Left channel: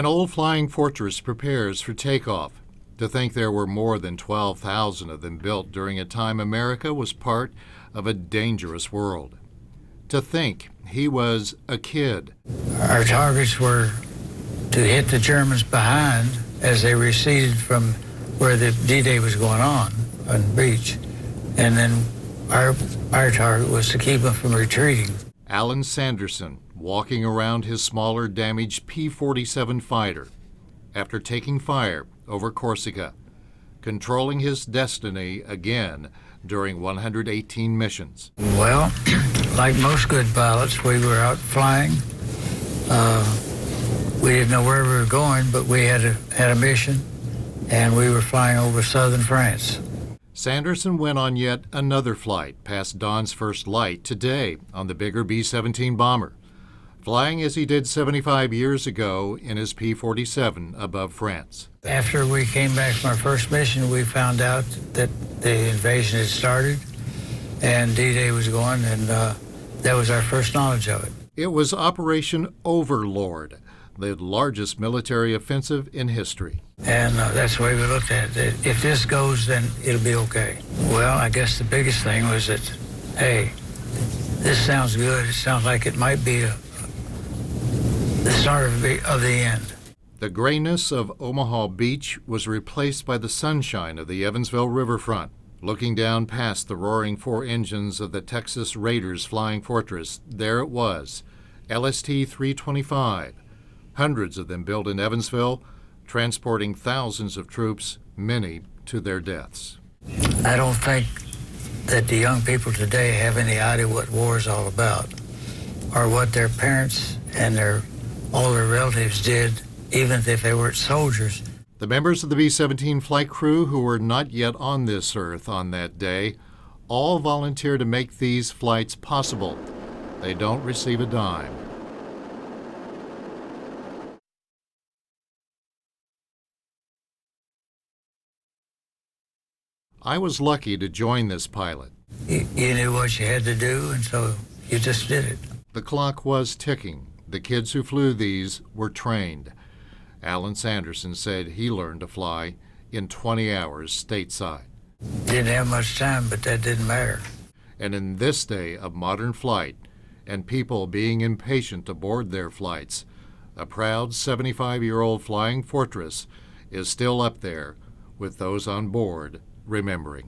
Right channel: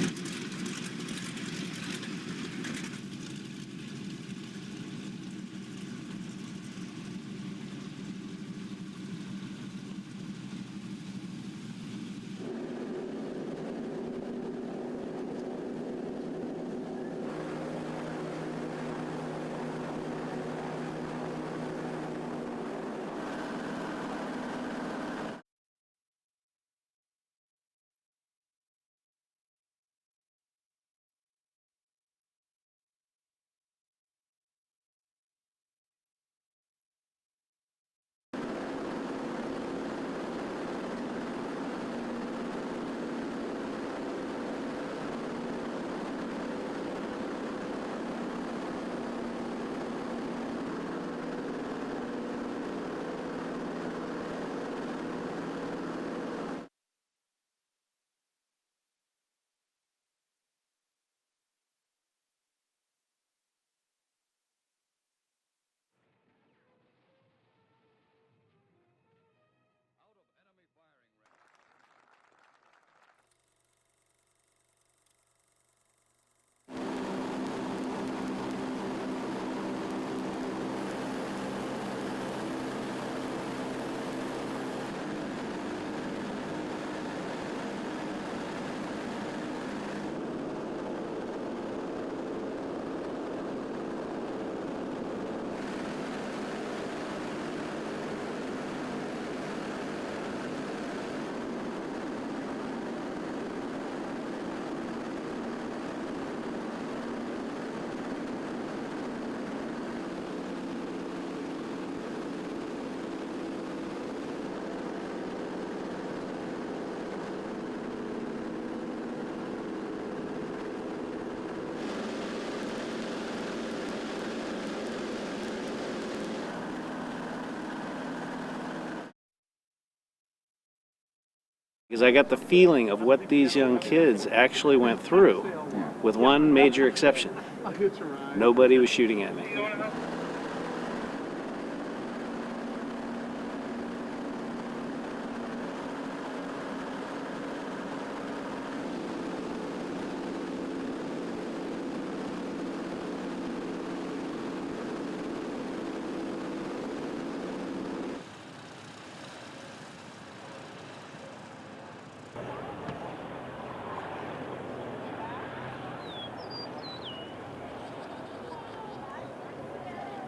An old flying fortress prepares for takeoff. To think there were more than 12,000 of them built during a time America was part of a dangerous world. To think he was a kid. Our targets were to hit the Germans behind as they receded from where the D-Day was going on the beach. And then our target was to keep them from retreating. Alan Sanderson, walking around his smaller, damaged P-47 fighter after taking fire over Corsica, controlling his destiny again during 118 missions. Well, like most good pilots, we were out flying. We didn't know where we were going, but we had a mission, and we were flying over southern France. Sanderson went on yet another flight past dawn's first light today on the bigger B-17 bomber, flying as he did 75 years ago in his P-47 above France. After we came back from our first mission, we found out that the invasion had started and D-Day was going, and that was our first knowledge of it. It was Operation Overlord, the largest military offensive in history. And that's the way we looked at it. If this goes, then it'll be okay. Well, I guess the biggest thing was that, hey, this sounds good. It sounds like it might be the start of the end. The grayness of Omaha Beach was replaced by the sunshine of the Evansville riverfront. Looking down past the roaring four engines of the Texas Raiders Flying Fortress, there it was, LST-325. Hundreds of them built in Evansville, transporting thousands of troops, many to their deaths. I don't think that the young people today have any idea what war is all about, or what their parents and all their relatives did, even if they weren't soldiers. The members of the B-17 flight crew who were not yet on this earth on that day all volunteer to make these flights possible. They don't receive a dime. Because I got the feeling of what these young kids actually went through, with one major exception. Nobody was shooting at me. I was lucky to join this pilot. You knew what you had to do, and so you just did it. The clock was ticking. The kids who flew these were trained. Alan Sanderson said he learned to fly in 20 hours stateside. Didn't have much time, but that didn't matter. And in this day of modern flight, and people being impatient to board their flights, a proud 75-year-old flying fortress is still up there with those on board remembering.